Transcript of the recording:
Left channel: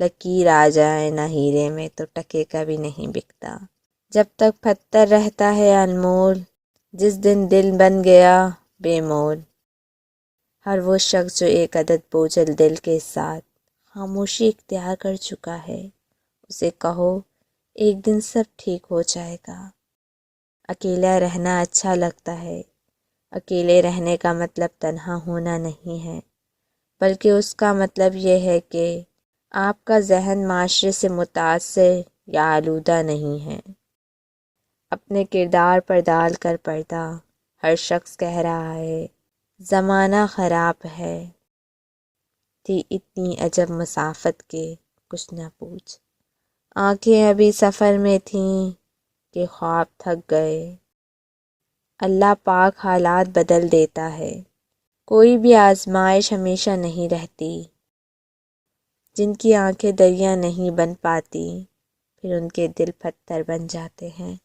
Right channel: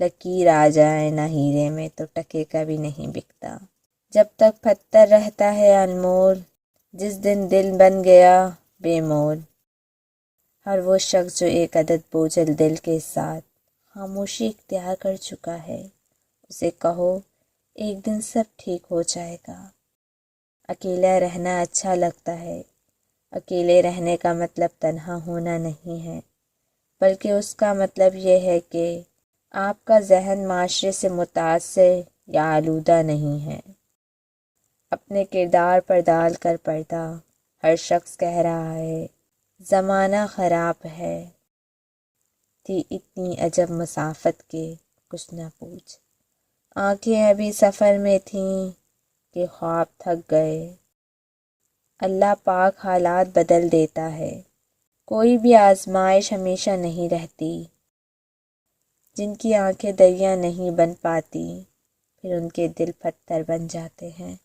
لکیر آ جائے نہ ہیرے میں تو ٹکے کا بھی نہیں بکتا۔ جب تک پتھر رہتا ہے انمول، جس دن دل بن گیا بے مول۔ ہر وہ شخص جو ایک عدد بوجھل دل کے ساتھ خاموشی اختیار کر چکا ہے، اسے کہو ایک دن سب ٹھیک ہو جائے گا۔ اکیلا رہنا اچھا لگتا ہے، اکیلے رہنے کا مطلب تنہا ہونا نہیں ہے، بلکہ اس کا مطلب یہ ہے کہ آپ کا ذہن معاشرے سے متاثر یا آلودہ نہیں ہے۔ اپنے کردار پر ڈال کر پردہ ہر شخص کہہ رہا ہے زمانہ خراب ہے، تھی اتنی عجب مسافت کے کچھ نہ پوچھ۔ آنکھیں ابھی سفر میں تھیں کہ خواب تھک گئے۔ اللہ پاک حالات بدل دیتا ہے، کوئی بھی آزمائش ہمیشہ نہیں رہتی۔ جن کی آنکھیں دریا نہیں بن پاتی، پھر ان کے دل پتھر بن جاتے ہیں۔